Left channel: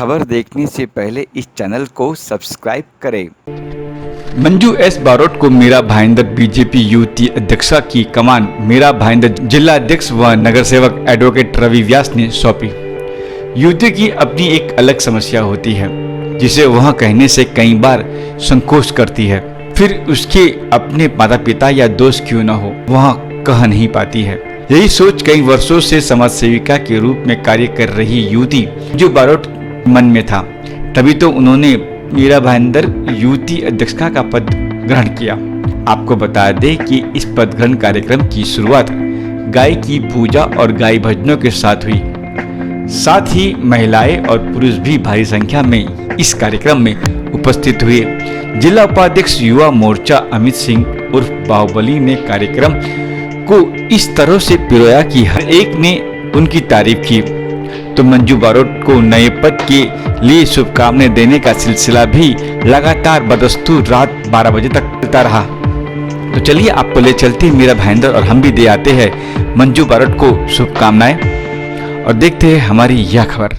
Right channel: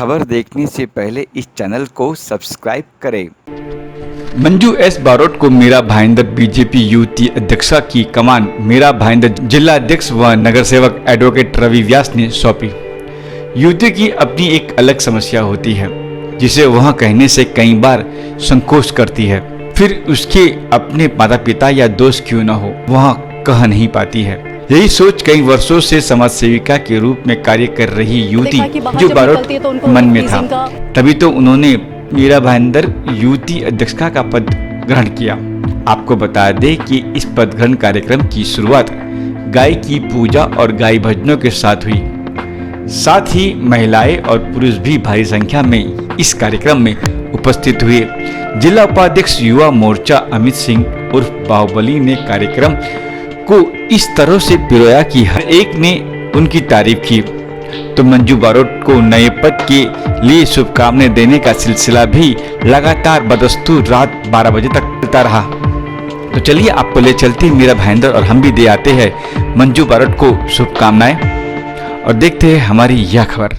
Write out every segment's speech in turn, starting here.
खबर देखने से पहले इस चैनल को सब्सक्राइब करें। मंजू एस बारोट को मीरा भाईंदर बीजेपी युवती अध्यक्षा की कमान मीरा भाईंदर जिला अध्यक्ष व नगर सेवक एडवोकेट रवि व्यास ने सौंपी। युवती की अपनी एक अलग समस्या होती है जिसे वह कहने से कई बार संकोच करती है। फिर उसके अपने माता पिता या दोस्त क्यों न हो वह कह नहीं पाती है। यही सोच कई वर्षों से समाज सेविका के रूप में कार्य कर रही युवती जो बारोट मन में था। तभी तो उन्होंने मीरा भाईंदर युवती अध्यक्षा का पद ग्रहण किया। आपको बता दें कि इस पद ग्रहण कार्यक्रम की शुरुआत गाय की पूजा और गाय भजनों के साथ हुई। साथ ही महिलाएं और पुरुष भी भारी संख्या में इस कार्यक्रम में उपस्थित हुए। जिला उपाध्यक्ष युवा मोर्चा अमित सिंह उर्फ बाहुबली ने कार्यक्रम को इस तरह से पिरोया कि हर एक ने उनकी तारीफ की। तो मंजू बारोट को नए पद के लिए शुभकामनाएं देने का सिलसिला भी लगातार बदस्तूर रात 12 बजे तक चलता रहा। तो चलिए आपको ले चलते हैं मीरा भाईंदर और हम भी दे आते हैं मंजू बारोट को शुभकामनाएं और देखते हैं हमारी यह खबर।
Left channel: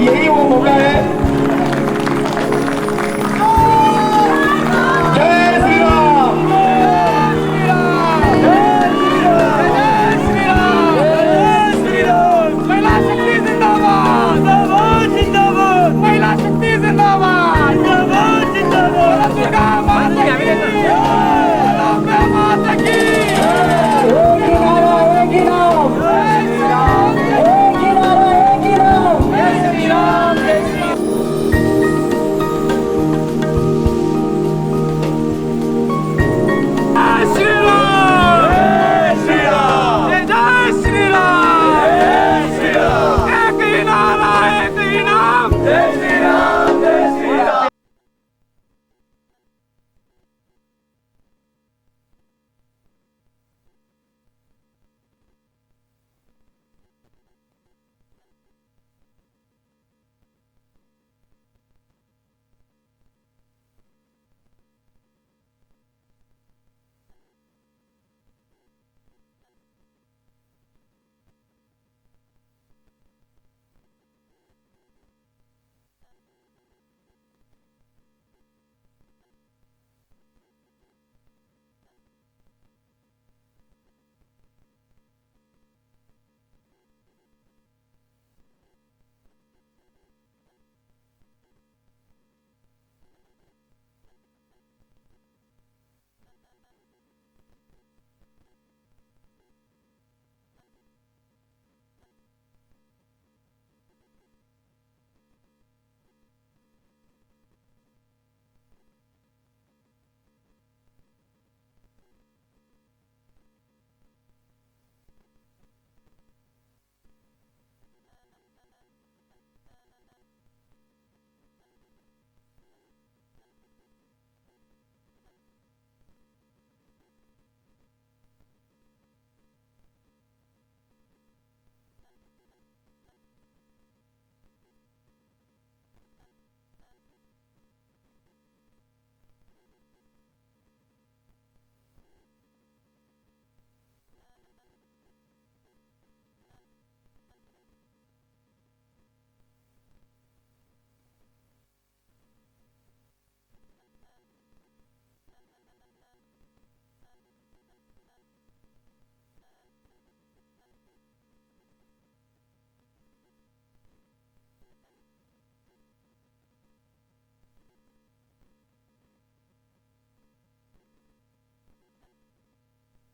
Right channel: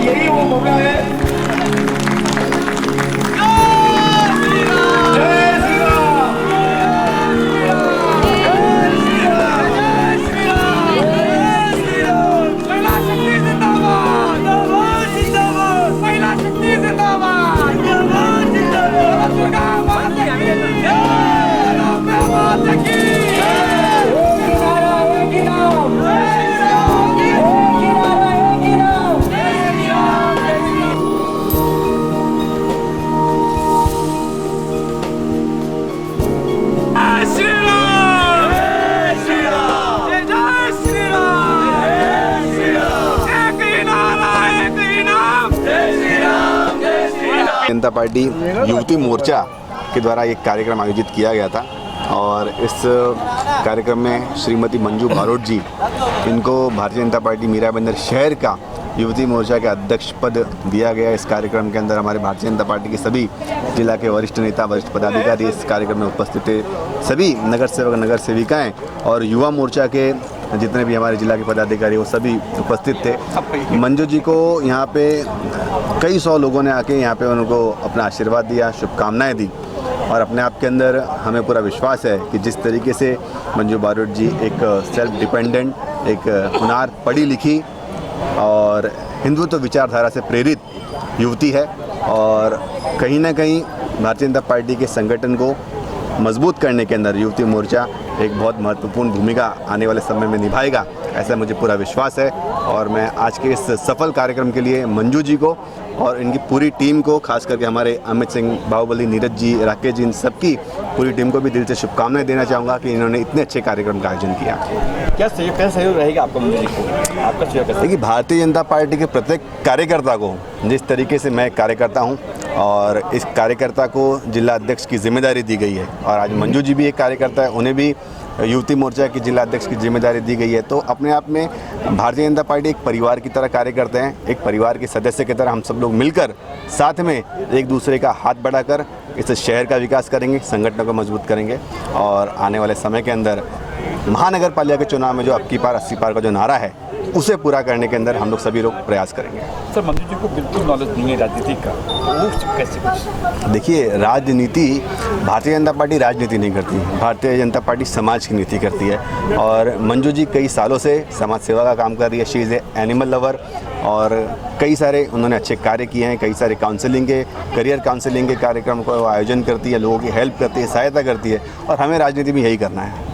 यही वो मौका है। जय श्री राम, जय श्री राम, जय श्री राम, जय श्री राम। महिला शक्ति जिंदाबाद, जिंदाबाद, जिंदाबाद। महिला शक्ति जिंदाबाद, जिंदाबाद, जिंदाबाद। दुर्गा माता की जय, दुर्गा माता की जय। एक ही नारा, एक ही नाम, जय श्री राम। एक ही नारा, एक ही नाम, जय श्री राम, जय श्री राम। जय श्री राम, जय श्री राम, जय श्री राम, जय श्री राम। एक ही नारा, एक ही नाम, जय श्री राम, जय श्री राम। जनता पार्टी युवती मोर्चा के द्वारा एक कार्यक्रम आयोजित किया गया था और इस कार्यक्रम में श्रीमती मंजू बारोट जी, इनको भारतीय जनता पार्टी मीरा भाईंदर शहर का युवती मोर्चा के अध्यक्ष पद दिया गया। इस कार्यक्रम के अंदर हमारे भारतीय जनता पार्टी के सभी जिला के वरिष्ठ नेता, वरिष्ठ पदाधिकारी इस कार्यक्रम में उपस्थित थे। सभी नगर सेवक, नगर सेविकाएं और युवा मोर्चा के जितने भी हमारे जिला के पदाधिकारी वो सभी उपस्थित थे। मंजू जी को यहाँ पे कई सौ लोगों ने आके यहाँ पे उनको अपना आशीर्वाद दिया, शुभकामनाएं दी और अपने आप के अंदर हमें पूरा विश्वास है कि जिस तरीके से मंजू बारोट जी एक सेल्फ डिपेंडेंट, एक हुनार, पढ़ी लिखी और हिंदुत्व विचारधारा से प्रेरित युवती है और कहीं ना कहीं भारतीय जनता पार्टी के संगठन को मजबूत करने के अंदर युवती मोर्चा एक बहुत महत्वपूर्ण भूमिका आने वाले समय में निभाएगा, ऐसा मुझे पूरा विश्वास है। और मैं आज के इस सफल कार्यक्रम के लिए मंजू जी को और इनकी पूरी टीम को, खास करके हमारे अमित सिंह, बाहुबली, नीरज जी, राकेश जी, इन सबकी पूरी टीम को भी दिल से शुभकामनाएं देना चाहूँगा कि इन्होंने इतने अच्छे कार्यक्रम का आयोजन किया। क्या सहयोग रहेगा आपका मंजू जी को? आपका सहयोग कैसे? देखिए, भारतीय जनता पार्टी के प्रत्येक कार्यकर्ता को जिस तरीके से मैं कार्यकर्ता हूं और इस कार्यकर्ता को जिला अध्यक्ष की जिम्मेदारी दी गई है और आज मंजू जी भी एक कार्यकर्ता है, उन्हें भी युवती मोर्चा की जिला अध्यक्ष की जिम्मेदारी दी गई है। तो अपने आप में भारतीय जनता पार्टी एक परिवार की तरह कार्य करते हैं। एक परिवार के सदस्य की तरह हम सब लोग मिलकर साथ में एक दूसरे का हाथ बढ़ाकर इस शहर का विकास करेंगे, संगठनों को मजबूत करेंगे और आने वाले समय के अंदर महानगर पालिका के चुनाव में जो अब की पार 80 पार का जो नारा है उसे पूरा करने के अंदर हम लोग सभी लोग प्रयास करेंगे। सर, मंजू जी को बिल्कुल नॉलेज नहीं है राजनीति का, वो कैसे कुछ? देखिए, राजनीति, भारतीय जनता पार्टी राजनीति नहीं करती, भारतीय जनता पार्टी समाज की नीति करती है और मंजू जी कई सालों से समाज सेवा का काम कर रही है। She is a animal lover और कई सारे उन्होंने अच्छे कार्य किए हैं। कई सारे काउंसलिंग के, करियर काउंसलिंग के कार्यक्रम को आयोजन करती है, लोगों की हेल्प करती है, सहायता करती है और हमें राजनीति में यही करना है।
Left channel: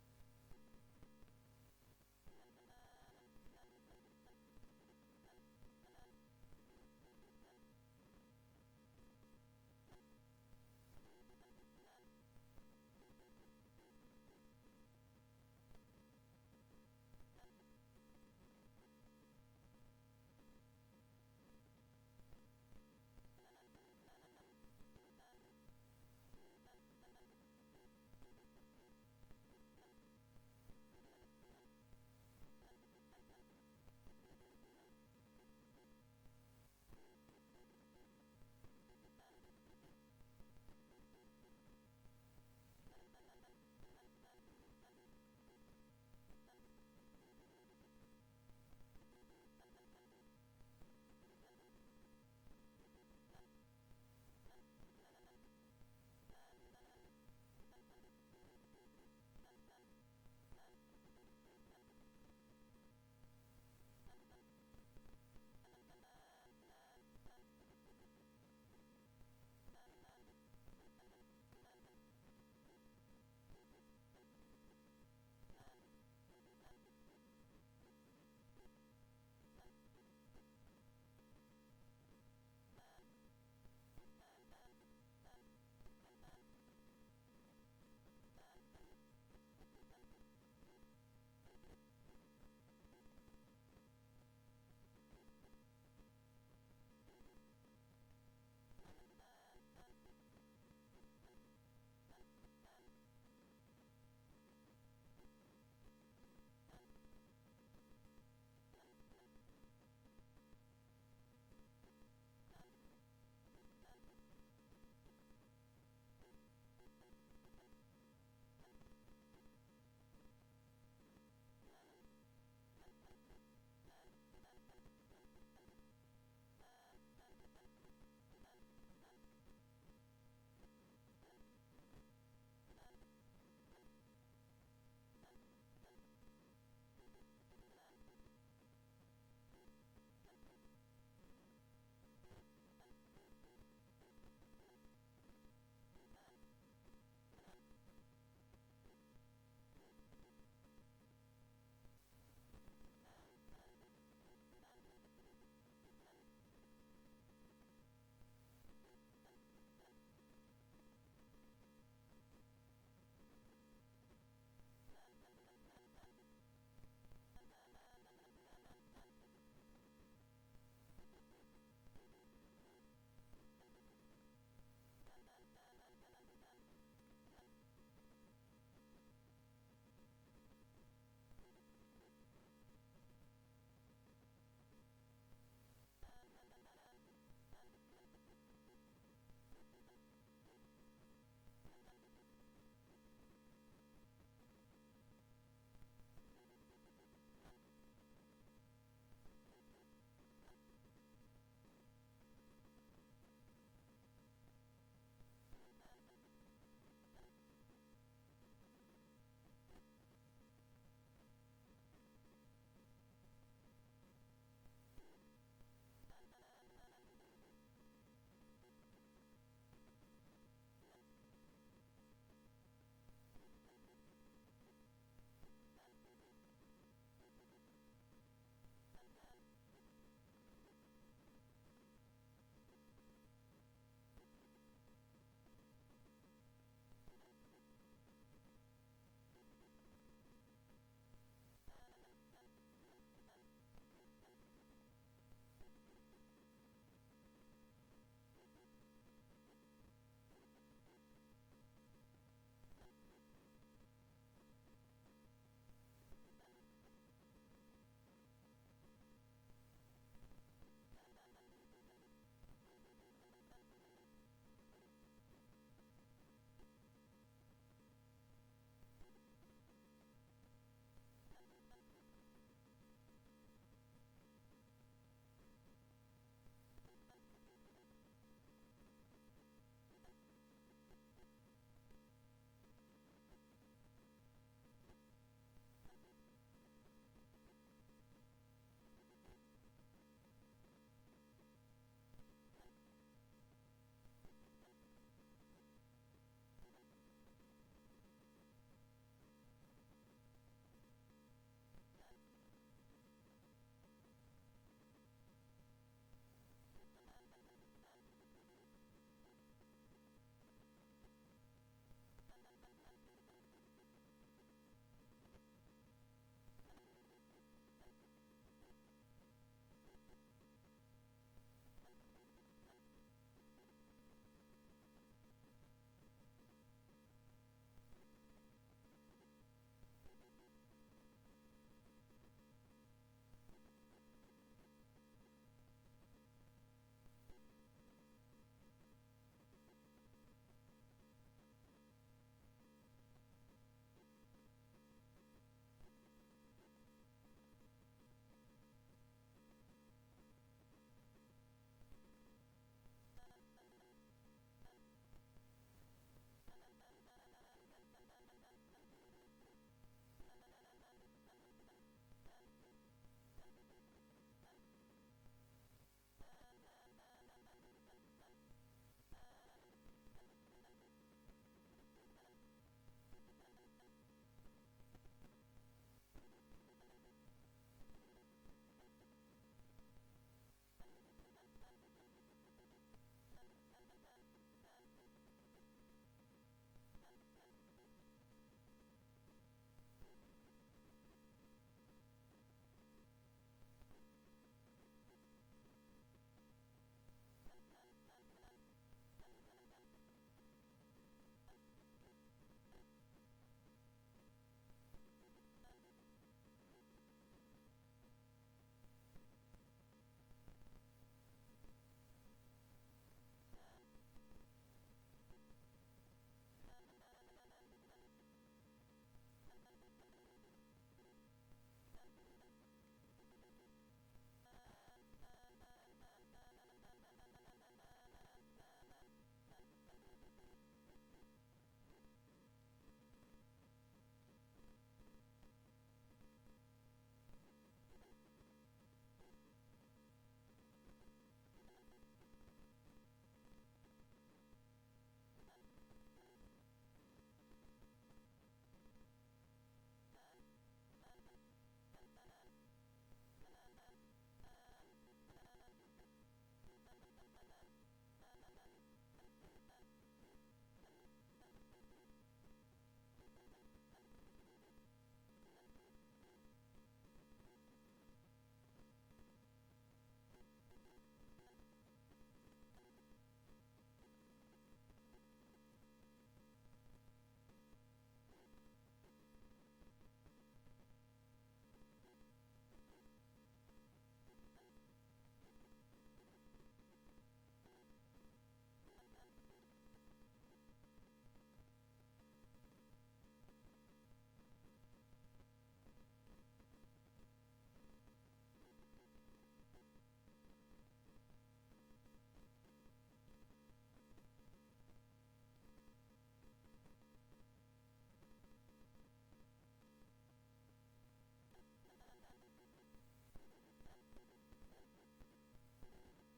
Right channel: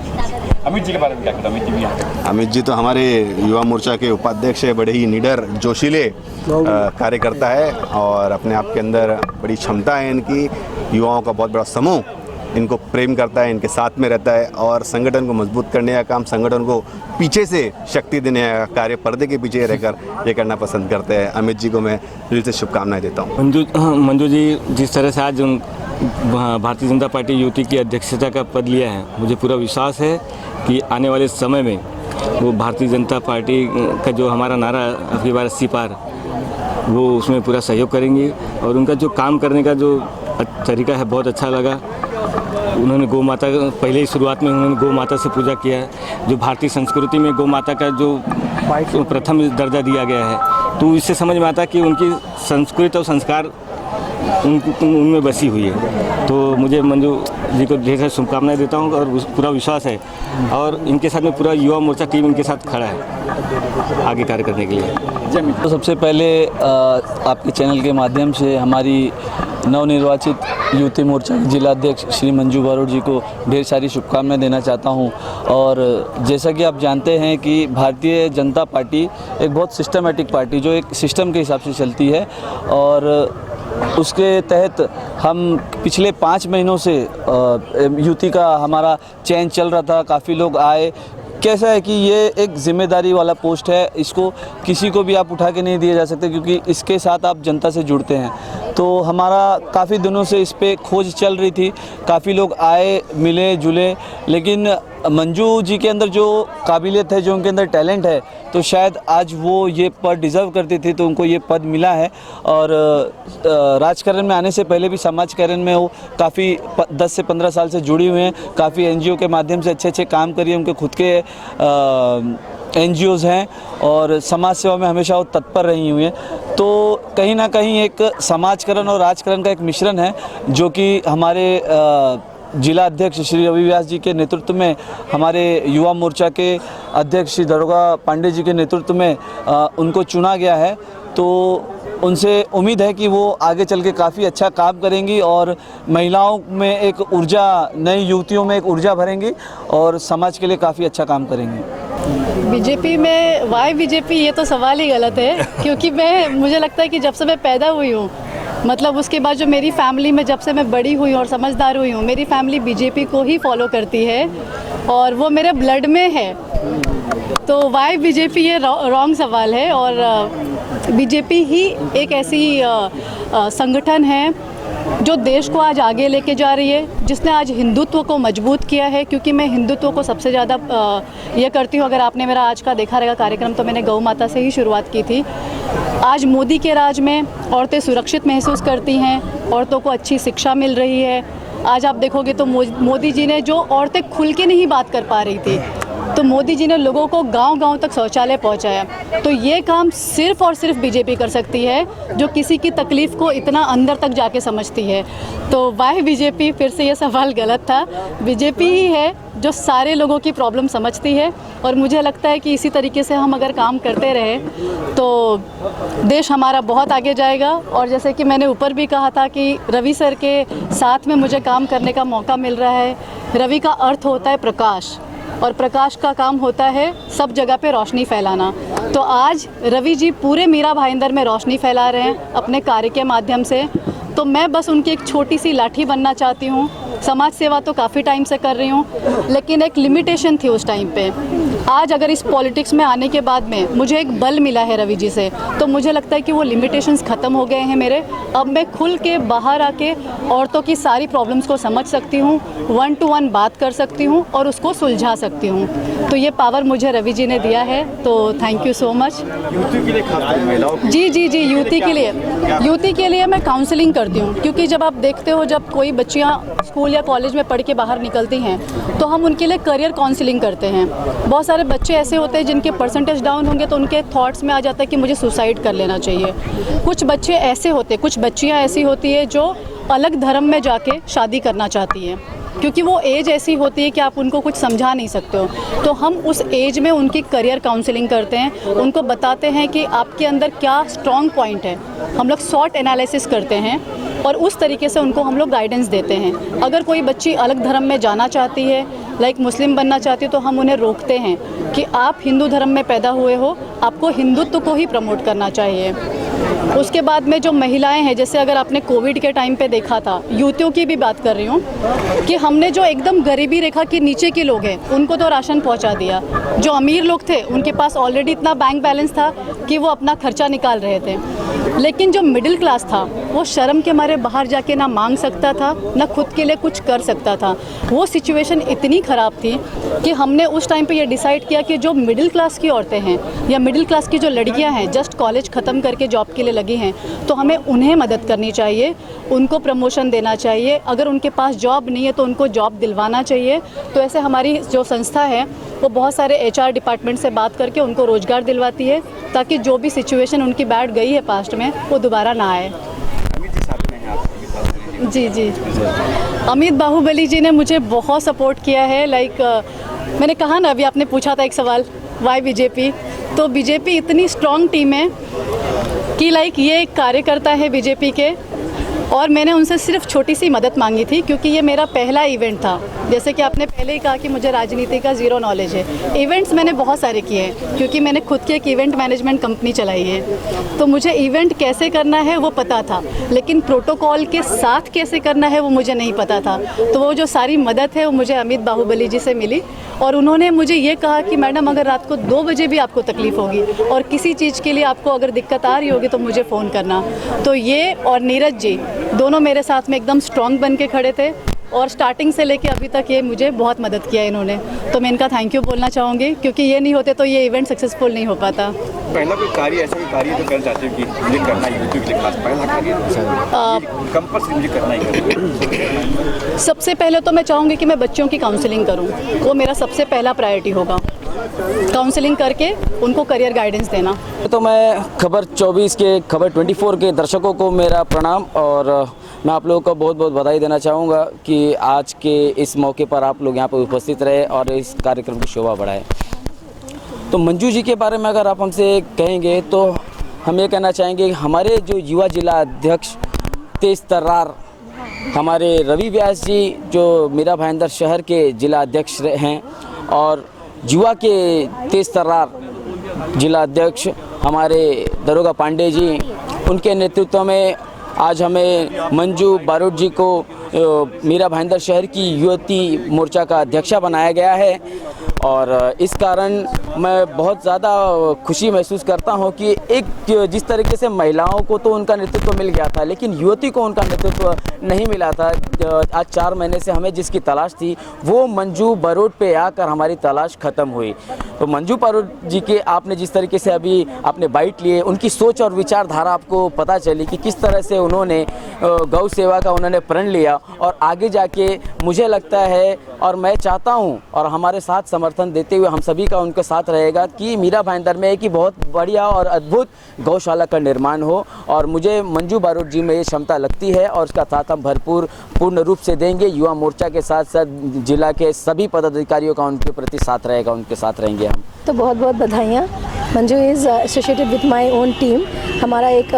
अमित जी के बारे में क्या कहते हैं? अमित जी भी यहाँ पे अमित जी तो हमारे युवा मोर्चा के उपाध्यक्ष है, बड़े ही निडर जोशीले कार्यकर्ता है और अपने आप के अंदर बड़ी क्षमता है इनकी। युवाओं का बहुत बड़ा समूह इनको प्रेम करता है, इनके साथ में रहता है और संगठन को मजबूत करने का काम, संगठन को पीछे से शक्ति देने का कार्य पर्दे के पीछे रहकर ये करना पसंद करते हैं। अमित जी को मैं दिल से शुभकामनाएं देता हूँ। मंजू जी जिस तरह से आज भारतीय जनता पार्टी यूटी की अध्यक्षता का पद लिया है, मुझे पूरा विश्वास है कि आने वाले समय में वो भारतीय जनता पार्टी का जो हमारा नारा अबकी बार 80 पार, वो उसमें पूरा सहयोग करेंगी। और उनका जो काम करने का जो तरीका है बहुत अच्छा लगा। उन्होंने गौ माता, पहले ही शुरुआत में उन्होंने गौ माता से पूजा किया है। जो भारतीय संस्कृति में गौ माता का जो प्रथम दर्जा दिया गया है, तो इससे समझ में आता कि उनकी संस्कृति और संस्कार उनमें बसी हुई है। तो मुझे मंजू जी को ढेर सारी शुभकामनाएं देता हूं और पूरा विश्वास है और इनके साथ में पूरा युवा मोर्चा टीम इनके साथ खड़ा है आगे कार्य करने के लिए। तो सबसे पहले आपके चैनल के माध्यम से हमारी नवनिर्वाचित यूटी मोर्चा के जिला अध्यक्ष श्री मंजू बारोट जी को ढेर सारी शुभकामनाएं देना चाहता हूं। और जैसा कि आप जानते हैं कि भारतीय जनता पार्टी एक बहुत सिस्टमेटिक पार्टी जो एक सिस्टम के हिसाब से चलती है और उसके तहत हम पिछले 5 महीनों से यूटी का हमारा चयन चल रहा था। काफ़ी लोग आए। कैसा है कि ये एक जिम्मेदारी वाला पोस्ट है, इसको किसी को भी आप उठा के नहीं दिए जा सकते क्योंकि इसके साथ आप जनता से जुड़ते हैं। तो हमारा काफ़ी दिनों से इस पे खोज चल रही थी, काफ़ी लोग आए, मिले जुले, लेकिन मंजू जी के अंदर जो काबिलियत है, जो उनके अंदर टैलेंट है, तो शायद आज वो ये पद डिज़र्व करती थी, तो उनको ये पद मिला है। और राजकारण में आने से पहले भी समाजकारण में वो काफ़ी 10 से 15 साल से जुड़ी हुई हैं। काफ़ी एनजीओ के माध्यम से अच्छे काम करिए, उनके खुद के एनजीओज़ हैं और समाज सेवा में हमेशा वो तत्पर रही हुई हैं। तो कहीं ना कहीं एक समाजकरण और राजकारण का एक मिश्रण है जो कि हमारे जिला अध्यक्ष श्री रवि व्यास जी के नेतृत्व में, हमारे युवा मोर्चा के अध्यक्ष श्री दरोगा पांडे जी के नेतृत्व में उनको चुना गया है। तो उनसे उम्मीद है कि वो आगे चल के काफ़ी अच्छा काम करेंगी और महिलाओं में एक ऊर्जा, नई युवतियों में एक ऊर्जा भरेंगी और समाज के लिए काफ़ी अच्छा काम करेंगी। बीजेपी में वाई बीजेपी, ये तो सवाल ही गलत है क्योंकि मुझे लगता है कि जब से मैं पैदा हुई हूँ, मतलब उसके बाद जो मेरी फैमिली में जब से मैं बड़ी हुई और समझदार हुई हूँ, मेरी फैमिली बीजेपी को ही फॉलो करती है और वो मेरे ब्लड में है। तो वाई बीजेपी, ये रॉन्ग सवाल है। और बीजेपी ही एक ऐसी संगठन है जो देश को आज आगे लेके जा रही है, जिसने आज हिंदुत्व को मजबूत किया है। क्योंकि मैं हिंदुत्व को सबसे ज़्यादा ये करती हूँ। अगर आपने मेरा आज का देखा रहेगा कार्यक्रम, तो मैंने गौ माता से ही शुरुआत की थी। आज मोदी के राज में औरतें सुरक्षित महसूस करती हैं, औरतों को अच्छी शिक्षा मिल रही है। आज आप देखोगे तो मोदी जी ने, जो औरतें खुल के नहीं बात कर पा रही थी, तो मोदी जी ने लोगों को गांव-गांव तक शौचालय पहुंचाया। तो ये काम सिर्फ और सिर्फ बीजेपी कर सकती है, जो किसी की तकलीफ को इतना अंदर तक जाके समझती है। तो वाई बीजेपी, फिर से ये सवाल गलत था। बीजेपी ही है जो सारे लोगों की प्रॉब्लम समझती है और मुझे लगता है कि इसी तरीके से हम अगर काम करते रहे तो देश हमारा बहुत आगे जाएगा। और जैसे कि मैंने ऊपर भी कहा था कि रवि सर के साथ में मुझे काम करने का मौका मिल रहा है। रवि का अर्थ होता है प्रकाश और प्रकाश का काम होता है सब जगह पे रोशनी फैलाना। तो आज रवि जी पूरे मीरा भाईंदर में रोशनी फैला रहे हैं अपने कार्य के माध्यम से। तो मैं बस उनकी एक छोटी सी लाठी बनना चाहती हूँ। समाज सेवा तो काफ़ी टाइम से कर रही हूँ, लेकिन एक लिमिटेशन थी उस टाइम पे। आज अगर इस पॉलिटिक्स में आने के बाद में मुझे एक बल मिला है रवि जी से, तो मुझे लगता है कि वो लिमिटेशंस ख़त्म हो गए हैं मेरे। अब मैं खुल के बाहर आके औरतों की सारी प्रॉब्लम्स को समझ सकती हूँ, 1 to 1 बात कर सकती हूँ और उसको सुलझा सकती हूँ। तो ये पावर मुझे रवि जी ने दिया है, तो थैंक यू सो मच। जी, यूटी के लिए मैं काउंसलिंग करती हूँ। क्योंकि जब आप देखते हो, जब कोई बच्चियाँ स्कूल या कॉलेज में पढ़ के बाहर निकलती हैं, तो हम उनके लिए करियर काउंसलिंग करते हैं। बहुत सारे बच्चे ऐसे होते हैं जिनके परसेंटेज डाउन होंगे तो उनके थॉट्स में आ जाता है कि मुझे सुसाइड कर लेना चाहिए। कुछ बच्चे ऐसे होते, कुछ बच्चियाँ ऐसी होती है जो अलग धर्म में जाके शादी करना चाहती हैं, क्योंकि वो एज ऐसी होती है कि आप उनको कुछ समझा नहीं सकते हो। तो हम उस एज में उनकी करियर काउंसलिंग करते हैं, उनको बताते हैं कि आपके अंदर क्या स्ट्रॉन्ग पॉइंट है। हम लोग शॉर्ट एनालिसिस करते हैं और उस तरीके से उनको हम लोग गाइडेंस देते हैं। अगर कोई बच्ची अलग धर्म में जाना चाहती है, लाइक मुस्लिम बनना चाहती है, तो हम उन्हें रोकते हैं कि आप हिंदू धर्म में पैदा हुए हो, आपको हिंदुत्व को ही प्रमोट करना चाहिए। उसके बाद में जो महिलाएं हैं, जैसे अगर आपने कोविड के टाइम पे देखा था, युवतियों की भी बात कर रही हूँ, कि हमने जो एकदम गरीबी रेखा के नीचे के लोग हैं उनको तो राशन पहुँचा दिया। जो अमीर लोग थे उनके पास ऑलरेडी इतना बैंक बैलेंस था कि वो अपना खर्चा निकाल रहे थे, लेकिन जो मिडिल क्लास था वो शर्म के मारे बाहर जाके ना मांग सकता था, ना खुद के लिए कुछ कर सकता था। वो सिचुएशन इतनी ख़राब थी कि हमने उस टाइम पे ये डिसाइड किया कि जो मिडिल क्लास की औरतें हैं या मिडिल क्लास की जो लड़कियां हैं, जस्ट कॉलेज ख़त्म करके जॉब के लिए लगी हैं, तो हमें उन्हें मदद करनी चाहिए, उनको प्रमोशन देना चाहिए। अगर उनके पास जॉब नहीं है तो उनको जॉब दिलवाना चाहिए। तो ऐसे हमारी जो संस्था है वो बहुत सारे HR डिपार्टमेंट से बात करके उनको रोज़गार दिलवाती है, ताकि जो भी सिचुएशन उनकी बैठ गई है पास्ट में वो दोबारा ना आए। जी जी, अमित बाहुबली जी ने मुझे बहुत सपोर्ट किया है। लाइक मैंने कहा ना, अभी आपने पूछा था एक सवाल, वाई बीजेपी, तो बीजेपी इतनी स्ट्रॉन्ग टीम है कि लाइक ये एक कार्यकर्ता है बीजेपी के, और मैंने उनसे सिर्फ छोटी सी मदद मांगी थी क्योंकि ये मेरा पहला इवेंट था। जैसे कि आपने पहले ही कहा कि मुझे राजनीति का ज़ीरो नॉलेज है। इवेंट्स मैंने बहुत सारे किए हैं क्योंकि मैंने खुद की एक इवेंट मैनेजमेंट कंपनी चलाई है, तो मुझे इवेंट कैसे करना है वो पता था, लेकिन प्रोटोकॉल के साथ कैसे करना है वो मुझे नहीं पता था। तो वो जो सारी मदद है वो मुझे अमित बाहुबली जी से मिली, और उन्होंने मुझे ये कहा कि मैडम अगर रात को 2 बजे भी आपको तकलीफ़ होगी और किसी चीज़ के लिए आपको अगर दिक्कत आ रही होगी तो मुझे फ़ोन करना। तो ये और नीरज जी दोनों मेरे साथ में एकदम स्ट्रॉन्ग बन के खड़े थे, और स्टार्टिंग से लेके अभी तक ये मुझे बहुत मदद किया इन्होंने, तो मैं इनका थैंक यू बोलना चाहूँगी, क्योंकि ये नहीं होते तो ये इवेंट सक्सेसफुल नहीं हो पाता। पहला कोई कार्य, ऐसा कोई कार्य जो कर चाहते हो कि मुझे करना है यूट्यूब के लिए, खास पहला कार्य कंपल्सरी मुझे करना ही करना। सबसे पहले तो मैं चाहूँगी कि मैं बच्चों की काउंसलिंग करूँ, वो मेरा सबसे पहला प्रायोरिटी होगा। काउंसलिंग करके उनको करियर गाइडेंस देना। तो मैं खबर 24 के, खबर 24 के दर्शकों को मेरा प्रणाम, और मैं आप लोगों को बहुत बहुत बधाई देना चाहूँगा कि आज के इस मौके पर आप लोग यहाँ पर उपस्थित रहे और इस कार्यक्रम की शोभा बढ़ाए। तो मंजू जी के बारे में अगर आप हमसे कहेंगे तो हम ये कहना चाहेंगे, हमारे जो युवा जिला अध्यक्ष तेज तर्रार हमारे रवि व्यास जी, जो मीरा भाईंदर शहर के जिला अध्यक्ष हैं, और युवा के तेज तर्रार जिला अध्यक्ष हमारे दरोगा पांडे जी, उनके नेतृत्व में आज हमें मंजू बारोट जी को मीरा भाईंदर शहर की युवती मोर्चा का अध्यक्षा बनाया गया है। और इस कारण मैं बहुत ज़्यादा खुशी महसूस करता हूं कि एक जिस तरीके से महिलाओं को तो उनका नेतृत्व मिल गया था, लेकिन युवती को उनका नेतृत्व नहीं मिला था। आज 4 महीने से हमें जिसकी तलाश थी वो मंजू बारोट पे आकर हमारी तलाश ख़त्म हुई। तो मंजू बारोट जी के आपने जिस तरीके से अभी आपने बाइट लिए, उनकी सोच और विचारधारा आपको पता चली कि किस तरह से उन्होंने गौ सेवा का उन्होंने प्रण लिया, और आगे जाके मुझे लगता है और मैं चाहता हूं और हमारे साथ समर्थन देते हुए हम सभी का उनके साथ रहेगा कि मीरा भाईंदर में कि बहुत बढ़िया और अद्भुत गौशाला का निर्माण हो। और मुझे मंजू बारोट जी में ये क्षमता लगती है और उसका साथ हम पूर्ण रूप से देंगे। युवा मोर्चा के साथ साथ जिला के सभी पदाधिकारियों का उनके प्रति साथ रहेगा, उनके साथ रहेंगे हम। तो बहुत बहुत बधाइयाँ। Manju is associated with my own team. हमारा एक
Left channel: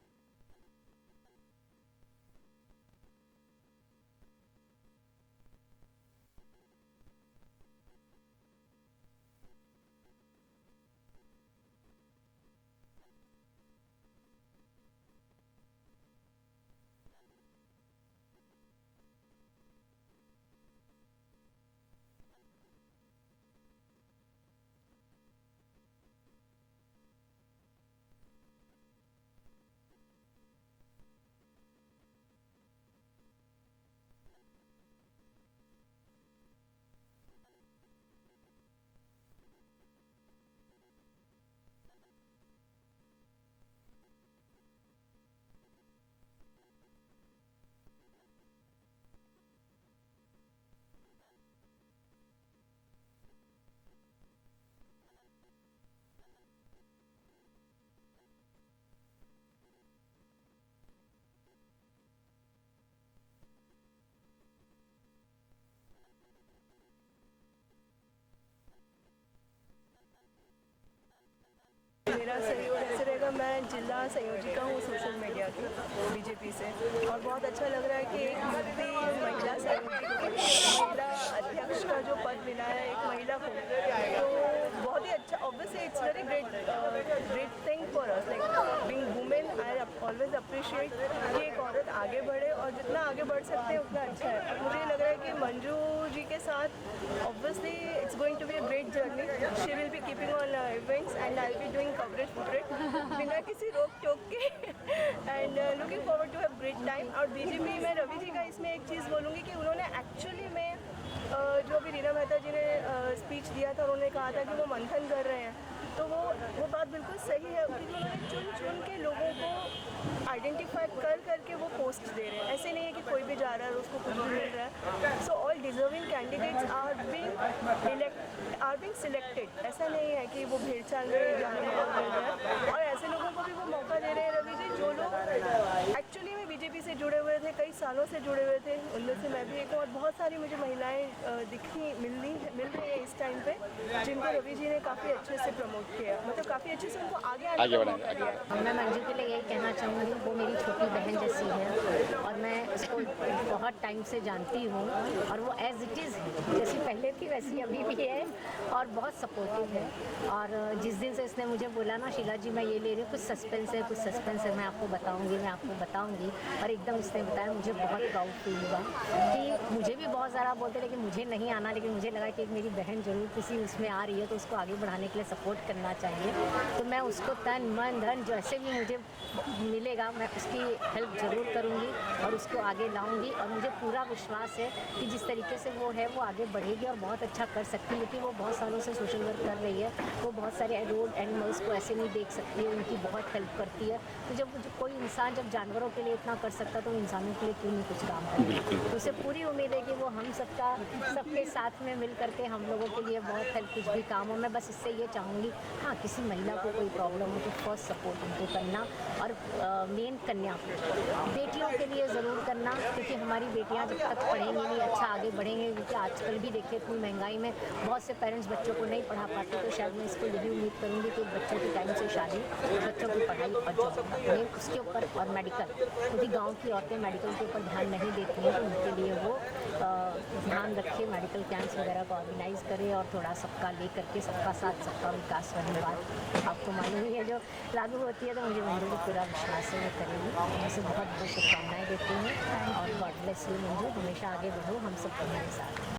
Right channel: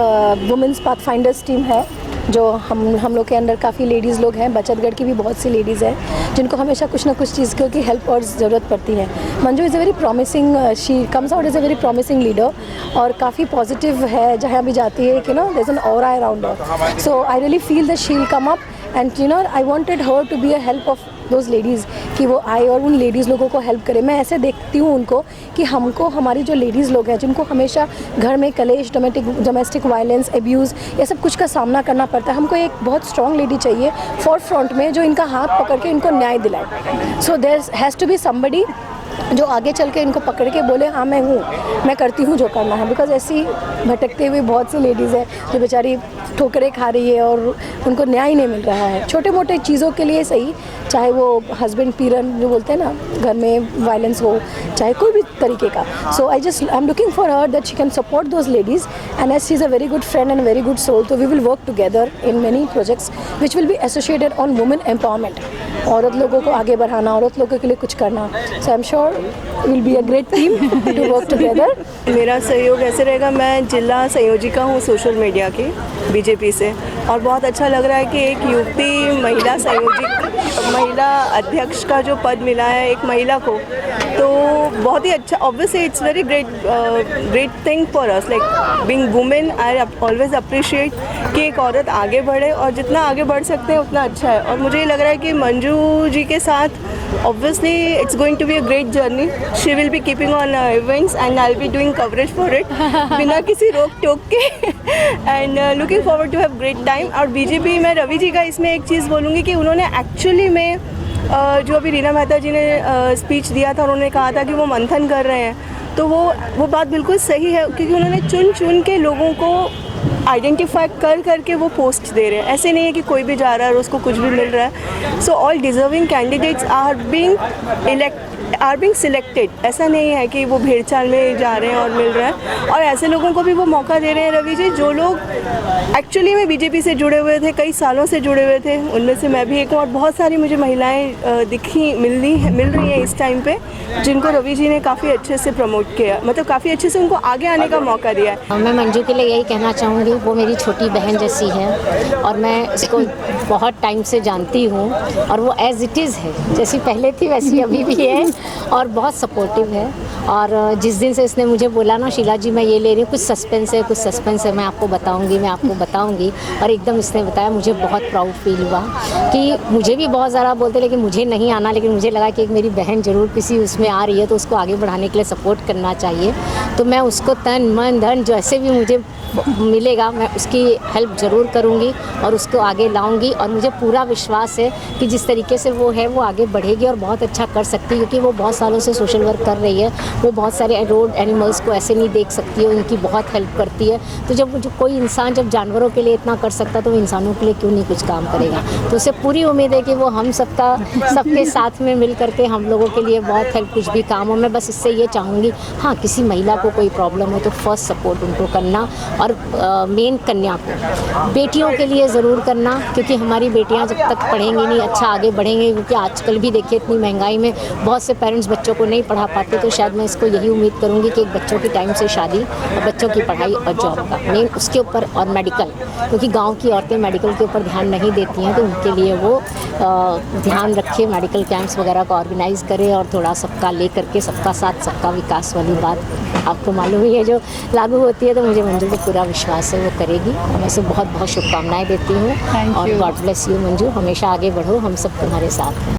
वुमेंस पाथफाइंडर्स टीम है जो हम लोग के अंदर काफ़ी लेडीज़ लोग हैं। बचतगढ़ की भी बहुत सी लेडीज़ हैं जिनको हमेशा कुछ ना कुछ चीज़ की हेल्प और ज़रूरत पड़ती है। Manju is a very promising, she comes out is a very promising leader, और काफ़ी पॉजिटिव है जहाँ भी जाती है कि no there is an aura around her. So I really feel that she will come up and I wanted her to be a help of those ladies, कि वो आए और उन लेडीज़ लोगों को हेल्प करे। मैं ऐसे देखती हूँ उनको कि हमको हमारी जो लेडीज़ लोग हैं जिनको हमेशा घर में कलेश, डोमेस्टिक वायलेंस, एब्यूज़, ये सब कुछ का सामना करना पड़ता है, हमको एक बहुत स्ट्रॉन्ग लेडी चाहिए फॉर फ्रंट में जो इनका हाथ पकड़ के इनको न्याय दिलाए। So there has to be somebody जो आगे चल के इनको पकड़ के बोले हाँ मैं हूँ, मैं करती हूँ जो करना है। बिकॉज ऐसी भटकते हुए बहुत सी लेडीज़ हैं जो बेचारी ठोकरें खा रही है और उनको न्याय नहीं मिल रहा है छोटे मोटे चीज़ों के लिए, सही चाहे वो हस्बैंड पीरन जो बोलते हैं ना, घर में वायलेंस हो, चाहे कोई भी तरीके का। So I am looking for her that she can support those ladies, and as she is a very good friend and very good soul, तो we will work together in many projects which will be associated on women empowerment. औरत लोगों को आगे बढ़ाना, औरत लोगों के लिए कुछ करना। So I am sure will be a great team to work together. मेरा सहयोग ऐसे रहेगा, मैं जिला संयोजिका हूँ सोशल मीडिया की, बीजेपी से, और बहुत अच्छा लग रहा है कि एक युवती महिला संयोजक, महिला अध्यक्ष का जो पद मिला है एक महिला को, तो बहुत ही अच्छा। Obviously it's very great thing for us, like being women. I always appreciate कि एक औरत आगे बढ़े, और जितना आगे बढ़ सकते हैं उतना अच्छा है। और मुझे ये लग रहा है कि मंजू जी के साथ obviously it's going to be a great journey. She will be keeping on events and I'll be doing coverage for it बिना किसी रोक टोक के, and looking forward to have great time. और बीजेपी में रवि जी का इसमें एक चीज़ बोलूँगी कि उन्होंने एक्चुअली में जो अभी रीना मेहता जी ने स्पीच दिया था, उन्होंने कहा था कि वो मंथन कर रहे हैं, तो वो बात बिल्कुल सही है, क्योंकि उन्होंने चुन चुन के लोगों को आइडेंटिफाई कर करके वो पोस्ट दे रहे हैं। ऐसे नहीं है कि कोई भी जा रहा है और उसको कुछ भी मिल रहा है। So all deserving candidates are being selected. ऐसा नहीं है कि वो भेड़चाल में जा रहे हैं और मिल रहा है, और ऐसे लोगों को भी वो मौका दे रहे हैं रवि जी, जो लोग एक्चुअली में बीजेपी से जुड़े हुए थे, कई सालों से जुड़े हुए थे। उनमें से मैं भी एक हूँ, और बहुत सारी मुझे महिलाएं मिल रही हैं इस टाइम पे, जिनको रवि जी ने काफ़ी अच्छे से प्रमोट किया, मतलब काफ़ी अच्छे से उनको आगे आने का मौका दिया है। मैं मंजू के लिए यही कहना चाहूँगी, वो मेरी छोटी बहन जैसी है, और मैं इसको बहुत टाइम से जानती हूँ, और वो एज़ इट इज़ है, जैसी पहले थी वैसी अभी भी है, और बहुत सपोर्टिव है। और जिस दिन से इसने मुझे बोला ना, शीला जी मैं ये ले रही हूँ, कुछ सस्पेंस है, मैं आपको बताऊँगी, और एकदम इसने बताया, मुझे बहुत प्राउड फील हुआ कि मुझे भी बहुत ज़्यादा बोलते, लेकिन मुझे नहीं आना, लेकिन मुझे लगा कि एक मेरी बहन ज़रूर किसी उसमें आ रही है, तो उसको आगे बढ़ाने के लिए सपोर्ट करना चाहिए। तो मैं उसको तन मन धन जैसे भी मुझे मिलेगा मैं उसकी हेल्प ज़रूर करूँगी और उसको आगे लाऊंगी, और मुझे पूरा विश्वास है कि जिस तरीके से वो है वो आगे बढ़ेगी और बहुत अच्छा कर सकती है, क्योंकि वो बहुत सालों से सोशल वर्क कर रही है। वो बहुत सारे रोड एनिमल्स को ऐसे नहीं देख सकती है, उनकी बहुत हेल्प करती है। तो जब कोई इंसान जब जानवरों के लिए इतना कर सकता तो वो इंसानों के लिए क्यों नहीं कुछ काम करेगा। तो उसे पूरी उम्मीद है कि वो हम सबके साथ में मिल करके हम लोगों के लिए बहुत हेल्प, कुछ भी काम हो। मैं बस इससे ये चाहूँगी, हाँ किसी महिला को कोई प्रॉब्लम हो तो फर्स्ट सपोर्ट उनको करना, और मेन कन्या को, बेटियों के लिए ज़रूर करना, क्योंकि हमारी बेटियां जब तक पढ़ेंगी नहीं अच्छा आगे बढ़ेंगे। क्योंकि आजकल भी देखिए इतनी महंगाई में बहुत से पेरेंट्स बच्चों को नहीं पढ़ा पाते। तो शायद मैं इसको यही उम्मीद करूंगी कि एक बच्चों की टाइम से शादी और बच्चों की पढ़ाई और जॉब का मेन उसके ऊपर, और मेडिकल, क्योंकि गाँव की औरतें मेडिकल के ऊपर ध्यान नहीं देती हैं, तो उनके लिए वो ध्यान रखे, मेडिकल कैंप्स वगैरह का ऑर्गेनाइज़ करे, और थोड़ा सबका ले करके सबका साथ सबका विकास वाली बात आपको मालूम ही है जो लागू होती है। तो मुझे मंजू को पूरा विश्वास है वो करेगी, और मैं उसे बहुत बहुत शुभकामनाएं देती हूँ। और गॉड ब्लेस यू मंजू, हमेशा आगे बढ़ो, हम सब तुम्हारे साथ हैं।